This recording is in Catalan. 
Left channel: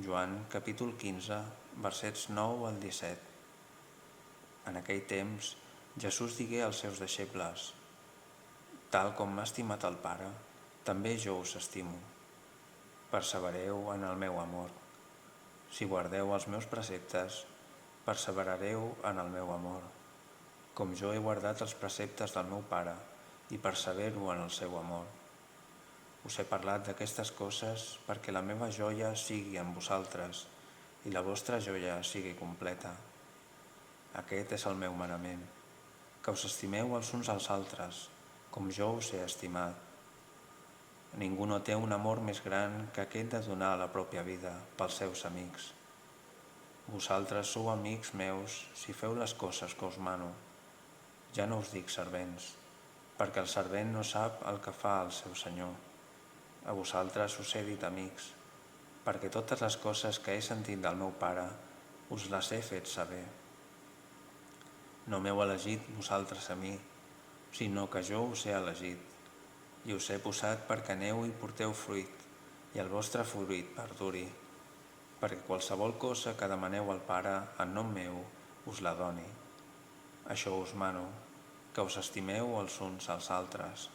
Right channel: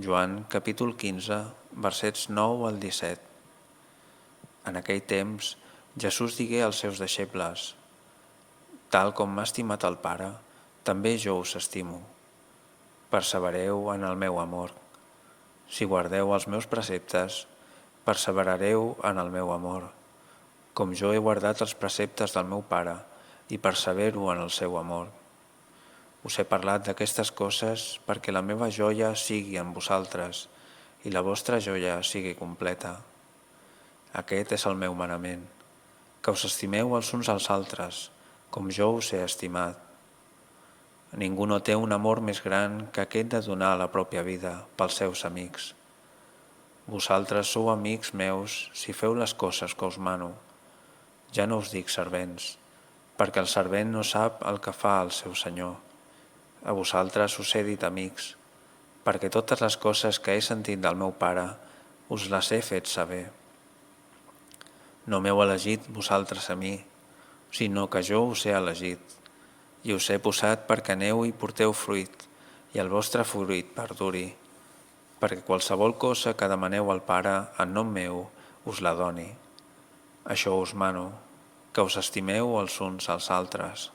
Joan capítol 15, versets 9 al 17. En aquell temps, Jesús digué als seus deixebles: Tal com m'ha estimat el Pare, també jo us estimo. Persevereu en el meu amor. Si guardeu els meus preceptes, perseverareu en el meu amor, com jo he guardat els preceptes del meu Pare i persevero en el seu amor. Us he parlat d'aquestes coses perquè la meva joia sigui en vosaltres i la vostra joia sigui completa. Aquest és el meu manament, que us estimeu els uns als altres, com jo us he estimat. Ningú no té un amor més gran que aquest de donar la pròpia vida pels seus amics. Vosaltres sou amics meus si feu les coses que us mano. Ja no us dic servents, perquè el servent no sap el que fa el seu senyor. A vosaltres us he dit amics, perquè totes les coses que he sentit del meu Pare us les he fet saber. No m'heu elegit vosaltres a mi, sinó que jo us he elegit, i us he posat perquè aneu i porteu fruit, i el vostre fruit perduri, perquè qualsevol cosa que demaneu al Pare en nom meu us la doni. Això us mano, que us estimeu els uns als altres.